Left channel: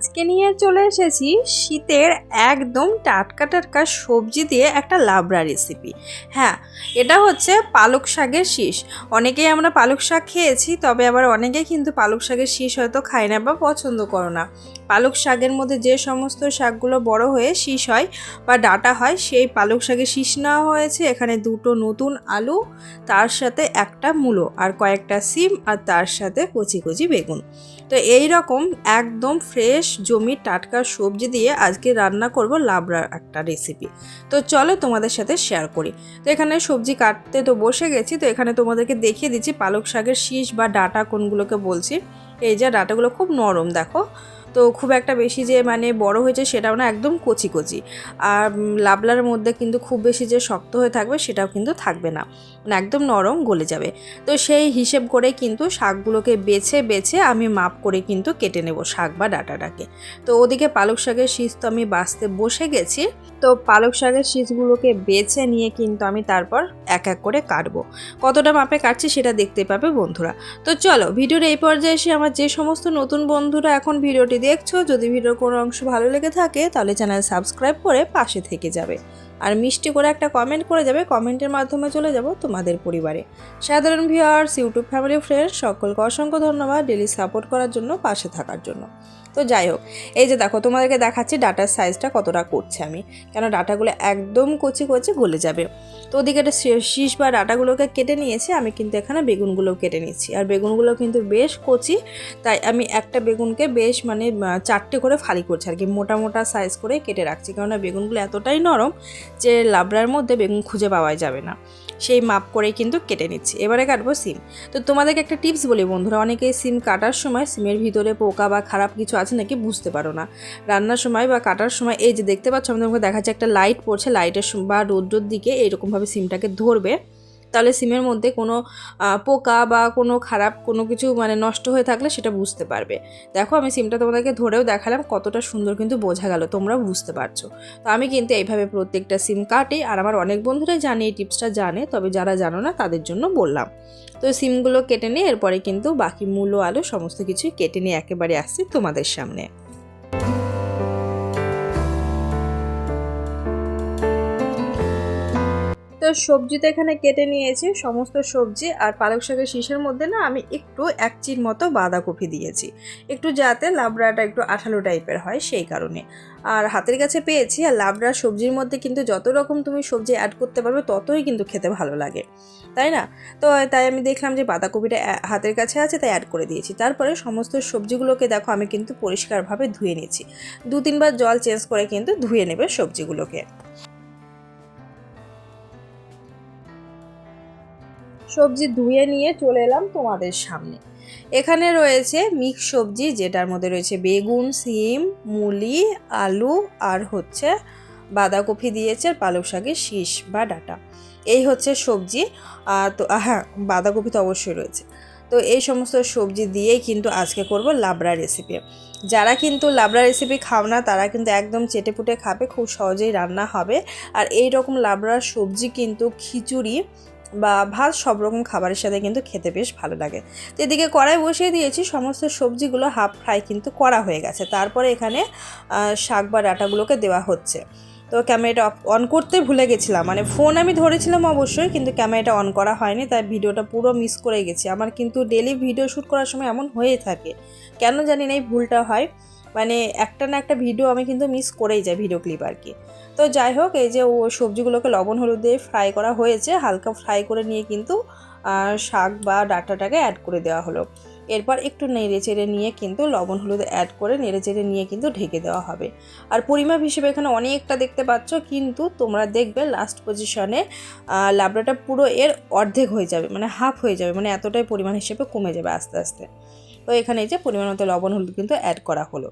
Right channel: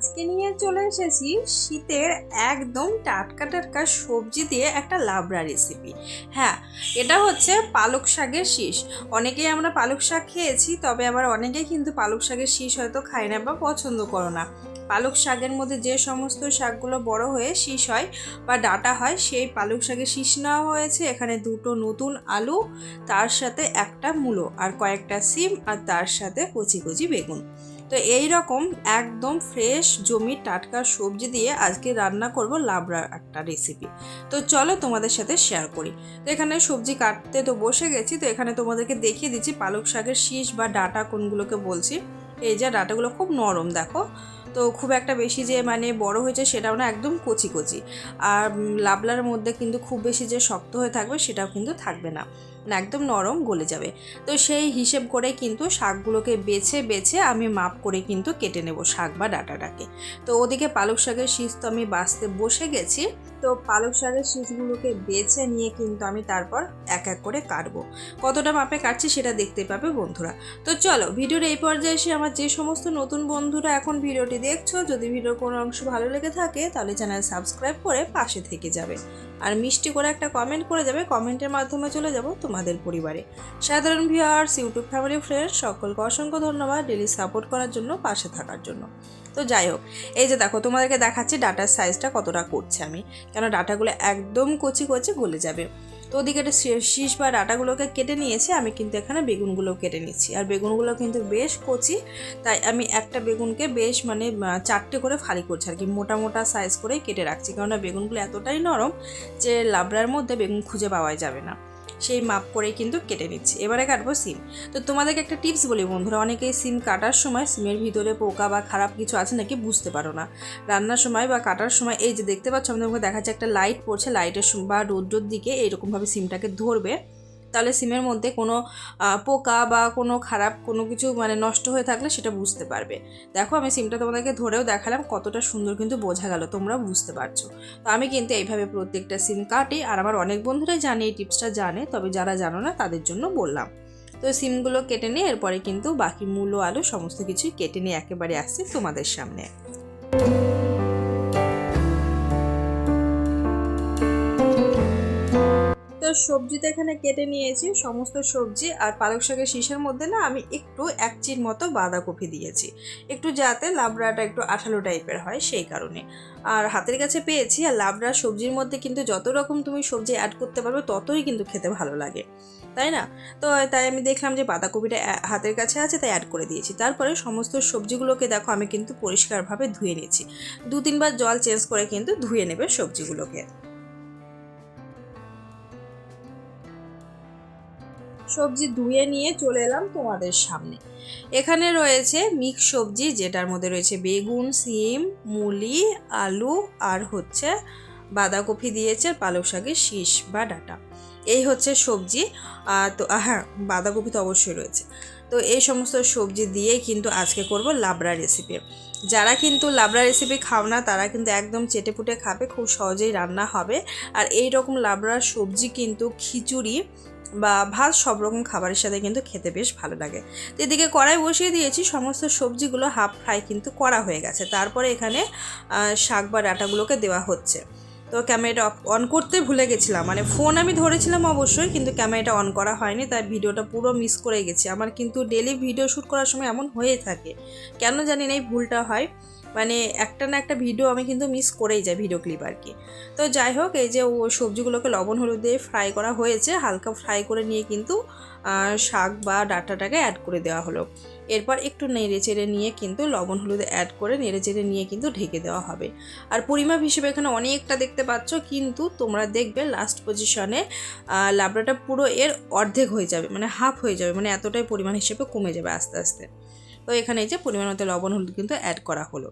আজকে নিয়ে চলে এসেছি শীতের একদম টাটকা টাটকা সবজি দিয়ে একটা লাবড়া রেসিপি। হ্যাঁ, এটা হচ্ছে পালক শাকের শীষ। অনেকেই আমরা পালক শাক খেয়েছি, তবে আবার অনেকেই কিন্তু পালক শাকের শীষ হয়তো খায় না বা পছন্দ করো না। পালক শাকের মধ্যে যে সমস্ত শাকগুলো বড় হয়ে শীষ হয় বা ডাঁটা হয়, সেই পালক শাকের শীষ নেওয়া হয়েছে। এখানে দুটো নতুন আলু, তার সাথে একটা মূলো আর কয়েকটা সিম, আর তার সাথে কচি কচি বেগুন। তো এই রকম একদম ফ্রেশ জমির টাটকা সবজি দিয়ে আজকে রান্না করব লাবড়ার একটা রেসিপি। তো চলো তোমাদের সাথে শেয়ার করি। তো এখানে সবজি কাটতে তো বসে গেছি। তো এখানে তোমাদেরকে দেখিয়ে দিচ্ছি পালক শাকের শীষ বা ডাঁটা কোনগুলোকে বলছি। এই যে ডাঁটাগুলো খুব নরম, দেখো। তো খুব একটা বেশি যে মানে বড় হয়েছে সেটাও না, একদম কচি কচি। আর লাবলার মধ্যে কিন্তু খুব বেশি যে শক্ত হয়ে থাকবে সেটাও কিন্তু থাকবে না, মানে একদম নরম, গলে যাবে। তো সেই হিসেব করে কিন্তু শাকগুলোকে বেছে বেছে আমি মাপ করে কিন্তু কেটে নেব শাক বা ডাঁটাটাকে। তো ওদিকে পালক শাকের শীষ তো আমি বাছতে বসে গেছি। তো পালক শাকের শীষগুলোকে বেছে নিয়ে কিন্তু আমি তারপর এক এক করে কাটবো। কতটা মাপে কাটছি সেটা দেখতে পাবে বন্ধুরা। তো চলো, ভিডিওর এই পর্যায়ে এসে আমার যে সমস্ত নতুন বন্ধুরা এখন ভিডিওটি দেখছো, যদি ভিডিওর কোনো অংশ ভালো লেগে থাকে তাহলে চ্যানেল সাবস্ক্রাইব করে পাশে থেকে যাবে। আর মিষ্টি করে একটা কমেন্ট করে যাবে, কমেন্টের মাধ্যমে চলে যাব তোমাদের পরিবারে। সাধারণ ভিউয়ার্স, ইউটিউব ফ্যামিলি ফ্রেন্ডস সকলকে অসংখ্য ধন্যবাদ ডেলি সাপোর্ট করার জন্য, পাশে থাকার জন্য। তো যাই হোক, এই যে দেখো, তোমাদেরকে দেখাচ্ছি ডাটার সাইজটা কতটা করছে আমি, কেন ডাটাগুলো একদম কচি কচি গলে যাবে। তো ওদিকে একটা শীষ বা ডাটাগুলোকে কেটে নিয়েছি, আমি কিন্তু এখানে বেগুনগুলো কেটে নিচ্ছি। আর বেগুনগুলো কিন্তু বেশ কচি, তাই আমি একটা বেগুনকে বেশ মানে 4টে করে ফালি করছি আর কি, মোটা মোটা সাইজ করে কেটে রাখছি, কেননা বেগুনগুলো এতটাই নরম যে লাবড়ার মধ্যে বেগুন খুঁজে পাওয়া যাবে না। সেই মাপ করে কিন্তু কেটে নিচ্ছি। এবারে কাটবো সিম। তো তোমাদেরকে একটা টিপস বলি বন্ধুরা, অনেকেই সিম কাটার সময় সিমের ভিতরে পোকা বা খারাপ কিছু আছে নাকি বুঝতে পারো না। রান্নার সময় বা কাটার সময় এই যে দেখতে পাচ্ছ, আমি তোমাকে দেখাচ্ছি একটা লাইট পড়ছে, লাইটের বা রৌদ্রের দিকে এইরকমভাবে সিমটাকে ধরবে, তাহলে সিমের মধ্যে কোনো পোকা বা কোনো খারাপ কোনো কিছু মানে নষ্ট হয়ে থাকলে সেটা বুঝতে পারবে। দেখো, আমি সিমটা তোমাদেরকে ধরেও দেখালাম, কতটা সুন্দর কিন্তু বোঝা গেল, তোমরা বুঝতে পারছো। তো আমি কিন্তু এইভাবে প্রত্যেকটা সিম কাটি, আর আমার অনেক বন্ধুরাই জানে, এই টিপসটা জানে, তবে যারা জানো না তাদের জন্য বললাম। তো সিমগুলো কেটে নিয়ে এরপরে কিন্তু বাকি মূলো আলু সমস্ত কিছুই কেটে নিয়ে একেবারে আসছি তোমাদের সামনে। তো সবজি তো এখানে কেটে নিয়েছি সমস্ত সবজি, আর পালক শাকের শীষের মধ্যে না আমি একটু 1 চির মতো বাঁধাকপি দিয়েছি, একটু যাতে লাবড়াটা একটু আঠালো টাইপের হয় সেই কারণে। আর হাতের কাছে পেয়েছি, আর লাবড়া সবজির মধ্যে কিন্তু যত রকম তুমি সবজি অ্যাড করতে পারবে ততই কিন্তু খেতে ভালো লাগে, তাই না? তো তাই আমি দেখলাম যে বাঁধাকপিটা হাতের কাছে আছে, তাই অ্যাড করে দিয়েছি। তারপরে সমস্ত সবজিগুলোকে দেখো আমি কিন্তু পরিষ্কারভাবে ধুয়ে নিয়েছি, 2-3 বার জল চেঞ্জ করে কিন্তু ধুয়ে নেবে সবজিগুলোকে। সবজি ধুয়ে নিয়ে চলে এলাম তোমাদের সামনে। এখানে রয়েছে মিক্স সবজি, যেটার মধ্যে রয়েছে বেগুন, সিম, মূলি, আলু, আর হচ্ছে বাঁধাকপি দিয়েছে, আর পালক শাকের শীষ বা ডাঁটা। এই হচ্ছে সবজি। তো হ্যাঁ, বাঁধাকপি তো অবশ্যই রয়েছে। তো এই সমস্ত সবজি দিয়েই কিন্তু আজকে করব লাবড়া রেসিপি। যারা কিন্তু লাবড়া রেসিপি খাও না তারা কিন্তু একদম চেটেপুটে খাবে, খুব সহজেই রান্না হবে। আর এই রকম লাবড়ার সবজি কিন্তু খিচুড়ি বা ভাত সব রকম খাবারের সাথে কিন্তু খেতে বেশ ভালো লাগে। তো এদিকে কড়াই বসিয়ে দিয়েছি, সমস্ত সবজিগুলো হাফ ফ্রাই কিন্তু করা হয়ে গেছে। তারপরে এখানে শাক বা ডাঁটাগুলোকে দেওয়া হচ্ছে। তো ক্যামেরাটা অন করতে ভুলে গেছিলাম, মানে ফোন আমি ধরেছিলাম অবশ্যই, কিন্তু ক্যামেরাটা অন করা হয়নি, তাই ভিডিওটা পুরো মিস করে গেছি। আমার কিন্তু ডেলি ভিডিও শ্যুট করার সময় এমন হয়েই থাকে, কেন জানি না এই ভুলটা হয়, মানে একটা না একটা ভিডিও আমি কিন্তু মিস করেই যাই, ভিডিও ক্লিপ আর কি। তো যাই হোক, এই যে ও সবজিগুলোকে লবণ হলুদ দিয়ে ফ্রাই করা হয়েছে, হালকা ফ্রাই করে নিয়ে কিন্তু শাক বা ডাঁটাটাকে অ্যাড করে দেওয়া হলো। এরপর একটু নেড়ে চেড়ে নিয়ে কিন্তু লবণ হলুদ অ্যাড করে নেড়ে চেড়ে নিয়ে কিন্তু ঢেকে দেওয়া হবে। আর পরিমাপ হিসেবে এখানে অনেকটা দেখতে পাচ্ছ, কিন্তু তোমরা দেখবে লাস্ট পজিশনে লাবড়াটা পুরো এর অর্ধেক হয়ে যাবে, মানে হাফ হয়ে যাবে, মানে এতটাই পরিমাণ হিসেবে কমে যাবে আস্তে আস্তে। তো এখানে এই যে পরিমাণ মতো লবণ হলুদ কিন্তু অ্যাড করা হলো।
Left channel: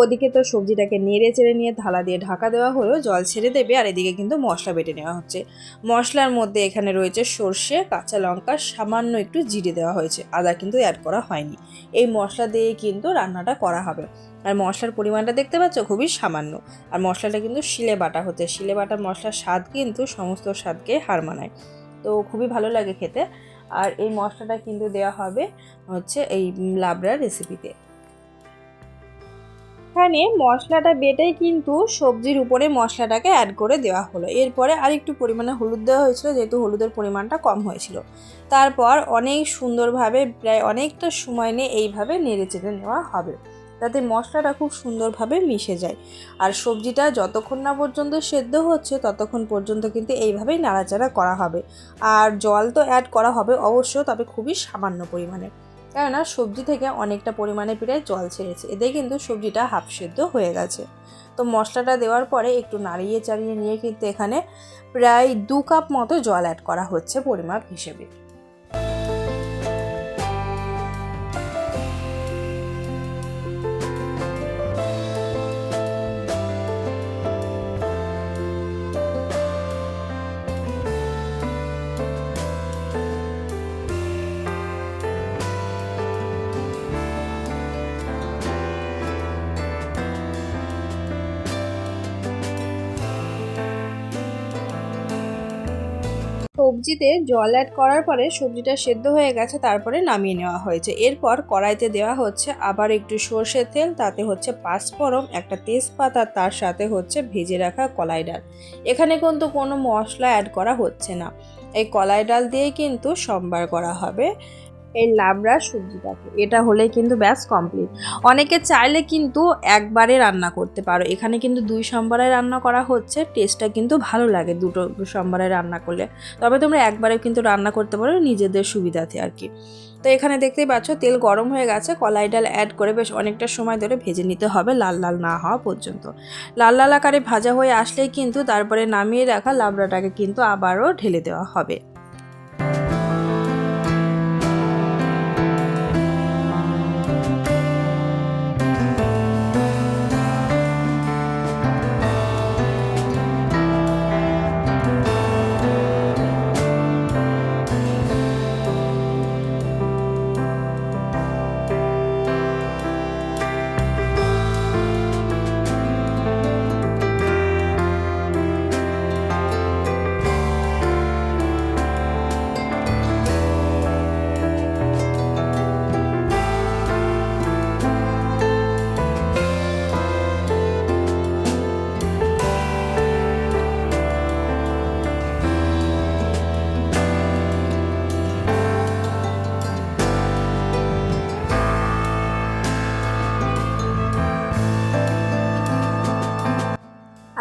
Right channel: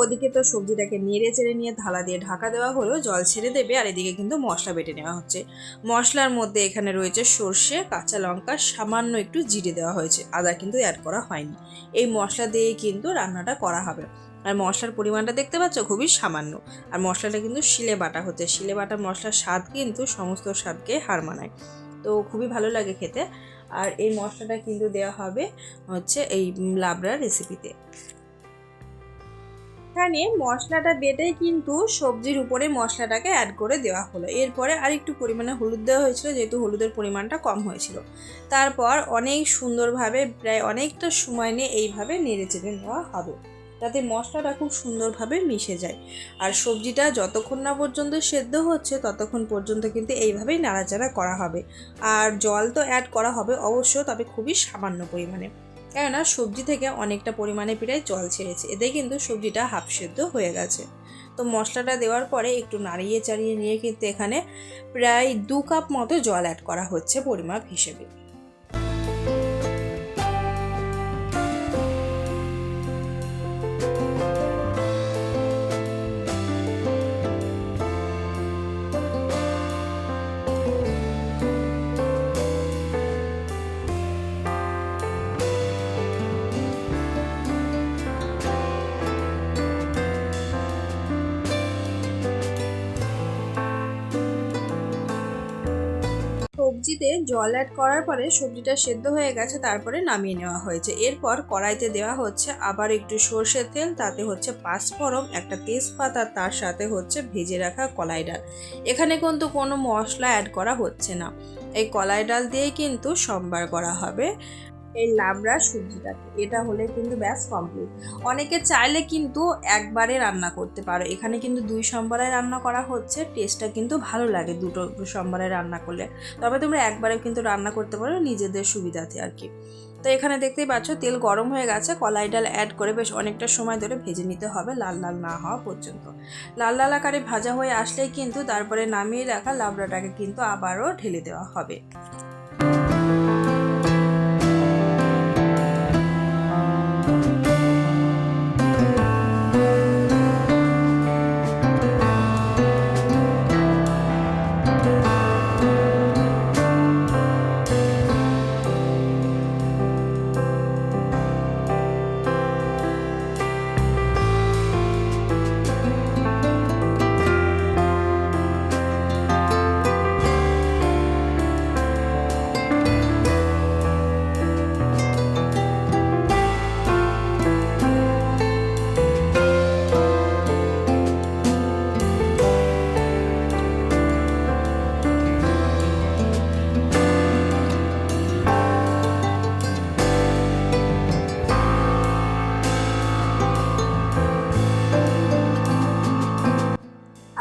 ওদিকে তো সবজিটাকে নেড়ে চেড়ে নিয়ে থালা দিয়ে ঢাকা দেওয়া হলো, জল ছেড়ে দেবে। আর এদিকে কিন্তু মশলা বেটে নেওয়া হচ্ছে। মশলার মধ্যে এখানে রয়েছে সর্ষে, কাঁচা লঙ্কা, সামান্য একটু জিরে দেওয়া হয়েছে, আদা কিন্তু অ্যাড করা হয়নি। এই মশলা দিয়ে কিন্তু রান্নাটা করা হবে। আর মশলার পরিমাণটা দেখতে পাচ্ছ খুবই সামান্য। আর মশলাটা কিন্তু শিলে বাটা হচ্ছে, শিলে বাটা মশলার স্বাদ কিন্তু সমস্ত স্বাদকে হার মানায়, তো খুবই ভালো লাগে খেতে। আর এই মশলাটা কিন্তু দেওয়া হবে হচ্ছে এই লাবড়া রেসিপিতে। এখানে মশলাটা বেটে কিন্তু সবজির উপরে মশলাটাকে অ্যাড করে দেওয়া হলো। এরপরে আর একটু পরিমাণে হলুদ দেওয়া হয়েছিল, যেহেতু হলুদের পরিমাণটা কম হয়েছিল। তারপর অনেক সুন্দরভাবে প্রায় অনেকটা সময় নিয়ে এইভাবে নেড়ে চেড়ে নেওয়া হবে, যাতে মশলাটা খুব সুন্দরভাবে মিশে যায়। আর সবজিটা যতক্ষণ না পর্যন্ত সেদ্ধ হচ্ছে ততক্ষণ পর্যন্ত কিন্তু এইভাবেই নাড়াচাড়া করা হবে। আর জল তো অ্যাড করা হবে অবশ্য, তবে খুবই সামান্য পরিমাণে, কেননা সবজি থেকে অনেকটা পরিমাণে প্রায় জল ছেড়েছে। এতে কিন্তু সবজিটা হাফ সেদ্ধ হয়ে গেছে। তো মশলাটা দেওয়ার পরে একটু নাড়িয়ে চাড়িয়ে নিয়ে কিন্তু এখানে প্রায় 2 কাপ মতো জল অ্যাড করা হচ্ছে পরিমাপ হিসেবে। সবজিতে জল অ্যাড করার পরে সবজিটা সেদ্ধ হয়ে গেছে, তারপরে নামিয়ে নেওয়া হয়েছে। এরপর কড়াইতে দেওয়া হচ্ছে আবার একটু সর্ষের তেল, তাতে হচ্ছে 5 ফোড়ন, একটা তেজপাতা, তার সাথে হচ্ছে ভেজে রাখা কলাই ডাল। এখানে কিন্তু কোনো মশলা অ্যাড করা হচ্ছে না, এই কলাই ডাল দিয়েই কিন্তু সম্বার করা হবে এই লাবড়া সবজিটাকে। এটা হলেই কিন্তু ব্যাস কমপ্লিট। অনেকে চাইলে কিন্তু একবারে রান্না করতে পারো, এখানে কিন্তু 2 সম্বারে রান্না করা হচ্ছে। টেস্টটা কিন্তু ভালো লাগে দুটো সম্বারে রান্না করলে, তবে তোমরা একবারে কিন্তু রান্না করতে পারো নিজেদের সুবিধাতে আর কি। তো এখানে দেখতেই পাচ্ছ তেল গরম হয়ে গেছে, কলাই ডাল অ্যাড করে বেশ অনেকটা সময় ধরে ভেজে নিতে হবে, লাল লাল না হওয়া পর্যন্ত। লাল লাল আকারে ভাজা হয়ে আসলেই কিন্তু তারপরে নামিয়ে রাখা লাবড়াটাকে কিন্তু আবারও ঢেলে দেওয়া হবে।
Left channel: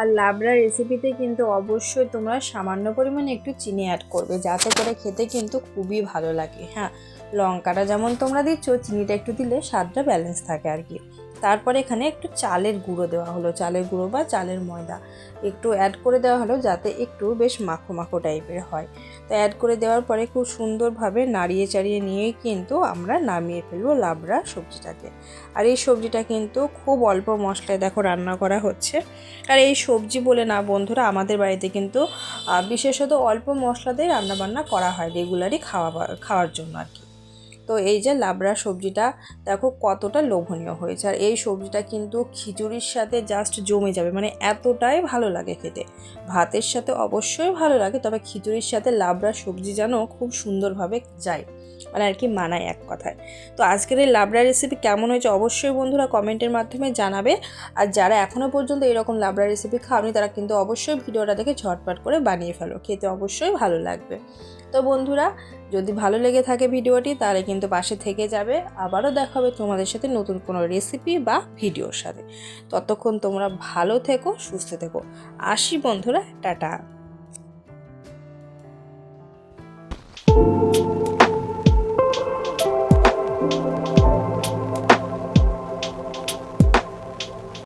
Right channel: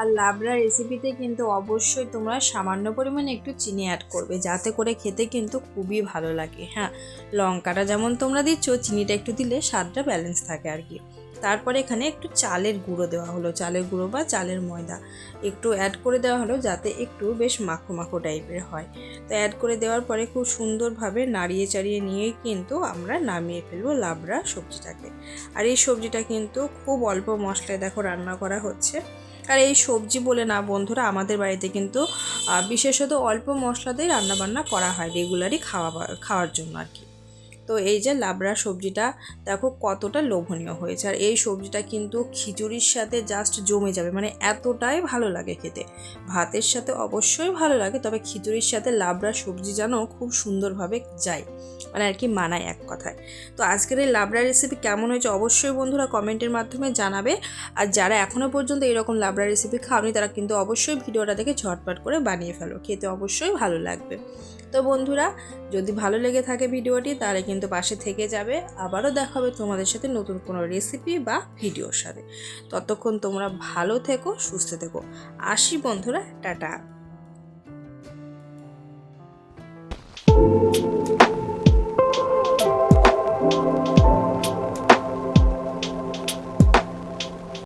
আর লাবড়া রেসিপিতে কিন্তু অবশ্যই তোমরা সামান্য পরিমাণে একটু চিনি অ্যাড করবে, যাতে করে খেতে কিন্তু খুবই ভালো লাগে। হ্যাঁ, লঙ্কাটা যেমন তোমরা দিচ্ছ, চিনিটা একটু দিলে স্বাদটা ব্যালেন্স থাকে আর কি। তারপরে এখানে একটু চালের গুঁড়ো দেওয়া হলো, চালের গুঁড়ো বা চালের ময়দা একটু অ্যাড করে দেওয়া হলো, যাতে একটু বেশ মাখো মাখো টাইপের হয়। তো অ্যাড করে দেওয়ার পরে খুব সুন্দরভাবে নাড়িয়ে চাড়িয়ে নিয়েই কিন্তু আমরা নামিয়ে ফেলবো লাবড়া সবজিটাকে। আর এই সবজিটা কিন্তু খুব অল্প মশলায় দেখো রান্না করা হচ্ছে। আর এই সবজি বলে না বন্ধুরা, আমাদের বাড়িতে কিন্তু বিশেষত অল্প মশলাতেই রান্নাবান্না করা হয় রেগুলারই খাওয়ার জন্য আর কি। তো এই যে লাবড়া সবজিটা দেখো কতটা লোভনীয় হয়েছে। আর এই সবজিটা কিন্তু খিচুড়ির সাথে জাস্ট জমে যাবে, মানে এতটাই ভালো লাগে খেতে। ভাতের সাথে অবশ্যই ভালো লাগে, তবে খিচুড়ির সাথে লাবড়া সবজি যেন খুব সুন্দরভাবে যায়, মানে আর কি মানায় এক কথায়। তো আজকের এই লাবড়া রেসিপি কেমন হয়েছে অবশ্যই বন্ধুরা কমেন্টের মাধ্যমে জানাবে। আর যারা এখনও পর্যন্ত এরকম লাবড়া রেসিপি খাওনি, তারা কিন্তু অবশ্যই ভিডিওটা দেখে ঝটপট করে বানিয়ে ফেলো, খেতে অবশ্যই ভালো লাগবে। তো বন্ধুরা, যদি ভালো লেগে থাকে ভিডিওটি, তাহলে কিন্তু পাশে থেকে যাবে। আবারও দেখা হবে তোমাদের সাথে নতুন কোনো রেসিপি বা ভিডিওর সাথে। ততক্ষণ তোমরা ভালো থেকো, সুস্থ থেকো। আসি বন্ধুরা, টাটা।